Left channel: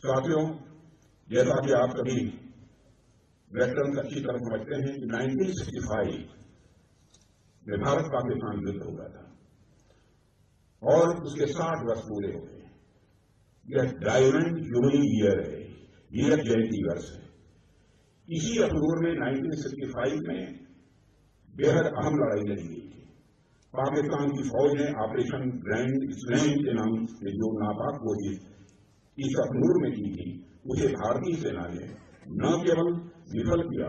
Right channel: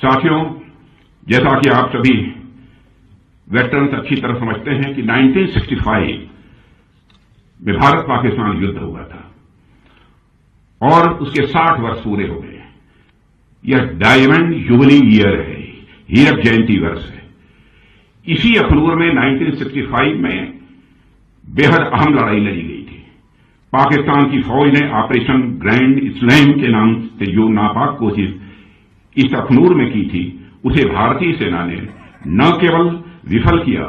साथियों, जैसा कि आप सभी वेटरन्स अच्छी तरह समझते हैं कि 1965 में भारत पाकिस्तान युद्ध हुआ था और उसके 60 वर्ष पूरे हो गए। यह डायमंड जुबली ईयर है, हीरक जयंती वर्ष है। इसी अखनूर में 1965 में बेहद अहम लड़ाई लड़ी गई थी। पाकिस्तान की फौज ने ऑपरेशन ग्रैंड इस्लाम के नाम से जो नापाक कोशिश इस अखनूर में की थी, उसे भारतीय सेना ने न केवल विफल किया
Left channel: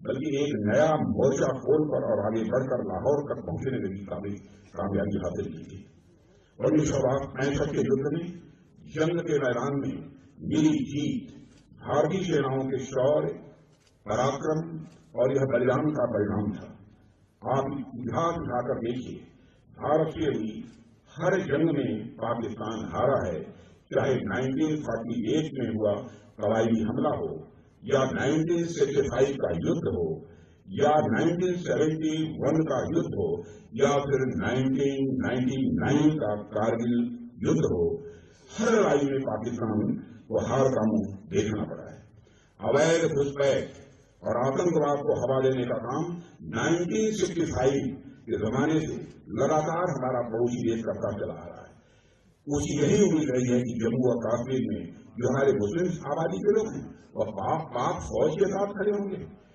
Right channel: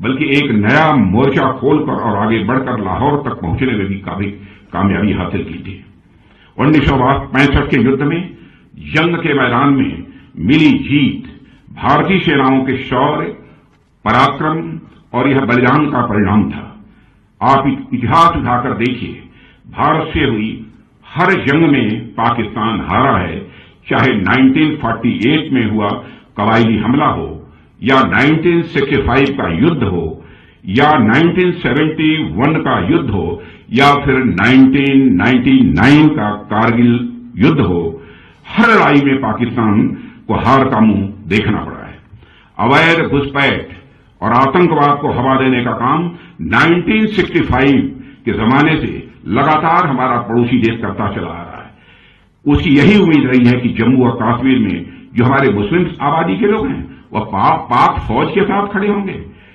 बल्कि एक नया मोर्चा खोलकर और आगे बढ़कर लाहौर तक पहुंचने में भी काफी कामयाबी हासिल की थी। 1965 के युद्ध में जंग के मैदान में मिली जीत भारतीय सेनाओं के शौर्य, पराक्रम और यह बलिदान का परिणाम था। आप इतिहास उठाकर देखिए, भारत से हुई हर जंग में पाकिस्तान हारा है, चाहे 1948 में हुआ कबायली हमला हो या 1965 का युद्ध हो या 1971 का युद्ध हो या फिर 1999 का कारगिल युद्ध हो। हर लड़ाई में पाकिस्तान को हार का मुंह देखना पड़ा है। अवैध घुसपैठ और आतंकवाद को हवा देने का काम 1965 के जमाने से लगातार हमारा पड़ोसी देश करता चला आ रहा है। उसकी यही उम्मीद रही है कि जम्मू और कश्मीर में जो हमारे मुस्लिम आबादी के लोग हैं वह पाक फौज के साथ खड़े होंगे,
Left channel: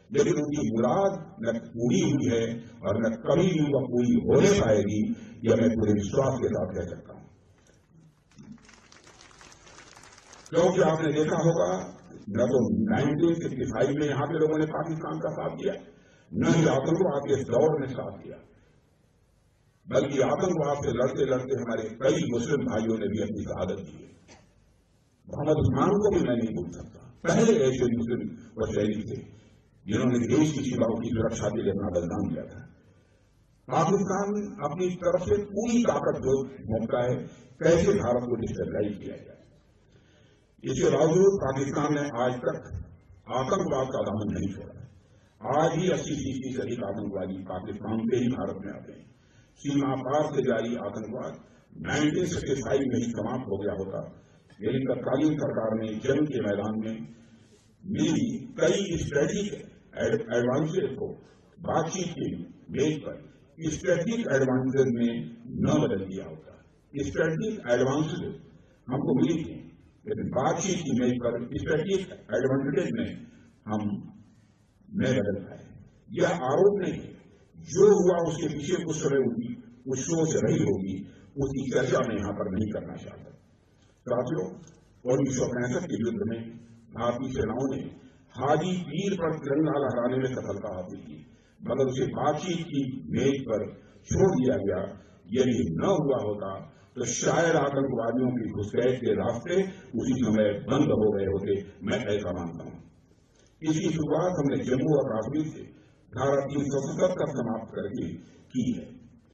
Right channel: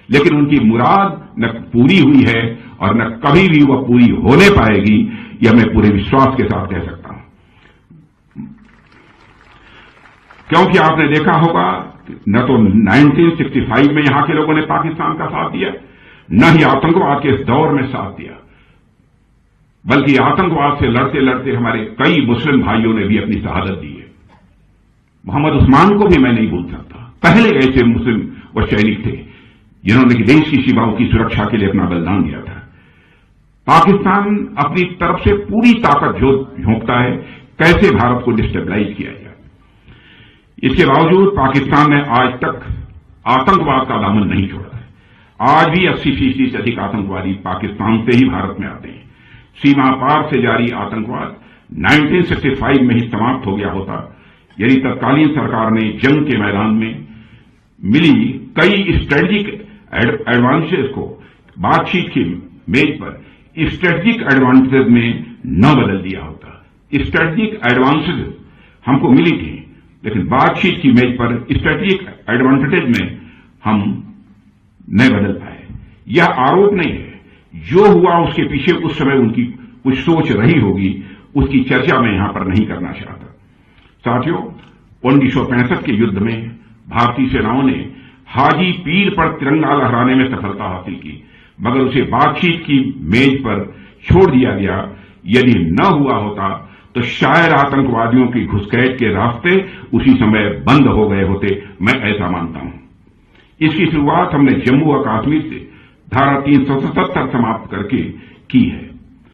लेकिन उनकी मुराद न पूरी हुई है और न कभी भी वह पूरी होने पाएगी, यह मैं पूरे विश्वास के साथ कह सकता हूं। क्योंकि आपने देखा होगा न तो 1965 में यहां के लोगों ने पाकिस्तान का साथ दिया, न ही आतंकवाद के इस दौर में साथ दिया, बल्कि आतंकवाद से लड़ते लड़ते हमारे कई मुस्लिम भाइयों ने भी अपनी शहादत दी है। मोहम्मद उस्मान को भी मैं नहीं भूल सकता। पहले ऐसे मुस्लिम व सैनिक थे जिन्होंने देश की सीमाओं की सुरक्षा के लिए अपना बलिदान दिया था। पाकिस्तान अपनी तरफ से पूरी ताकत झोंकता है कैसे भारत को डिस्टेबलाइज किया जाए। इसके बावजूद पाकिस्तान ने आज तक आतंकवाद का दामन नहीं छोड़ा है। आज भी 80% से अधिक आतंकवादी पाकिस्तान से ही भारत में आते हैं। सीमा पार से जारी आतंकवाद 1965 में ही समाप्त हो गया होता यदि तत्कालीन सरकार ने जंग के मैदान में मिली कई स्ट्रेटेजिक एडवांटेज को बातचीत की मेज पर स्ट्रेटेजिक एडवांटेज में न बदल दिया होता। स्ट्रेटेजिक एडवांटेज हमको मिली थी, लेकिन बातचीत की मेज पर स्ट्रेटेजिक एडवांटेज में हम नहीं बदल पाए। यह आरोप नहीं है, जो हुआ उसके पीछे उस समय उनकी कुछ सोच रही होगी, उसकी चर्चा मैं यहां पर नहीं करना चाहता। साथियों, 1965 के युद्ध में भारतीय सेनाओं ने हाजी पीर पर तिरंगा लहराने में सफलता हासिल की, मगर उसे बातचीत की मेज पर छोड़ दिया गया। यदि न हुआ होता तो शायद आतंकवादियों की घुसपैठ के रास्ते उसी समय बंद हो गए होते, मैं ऐसा मानता हूं। इसकी शुरुआत हमने जम्मू और कश्मीर से धारा 377 समाप्त करके की है।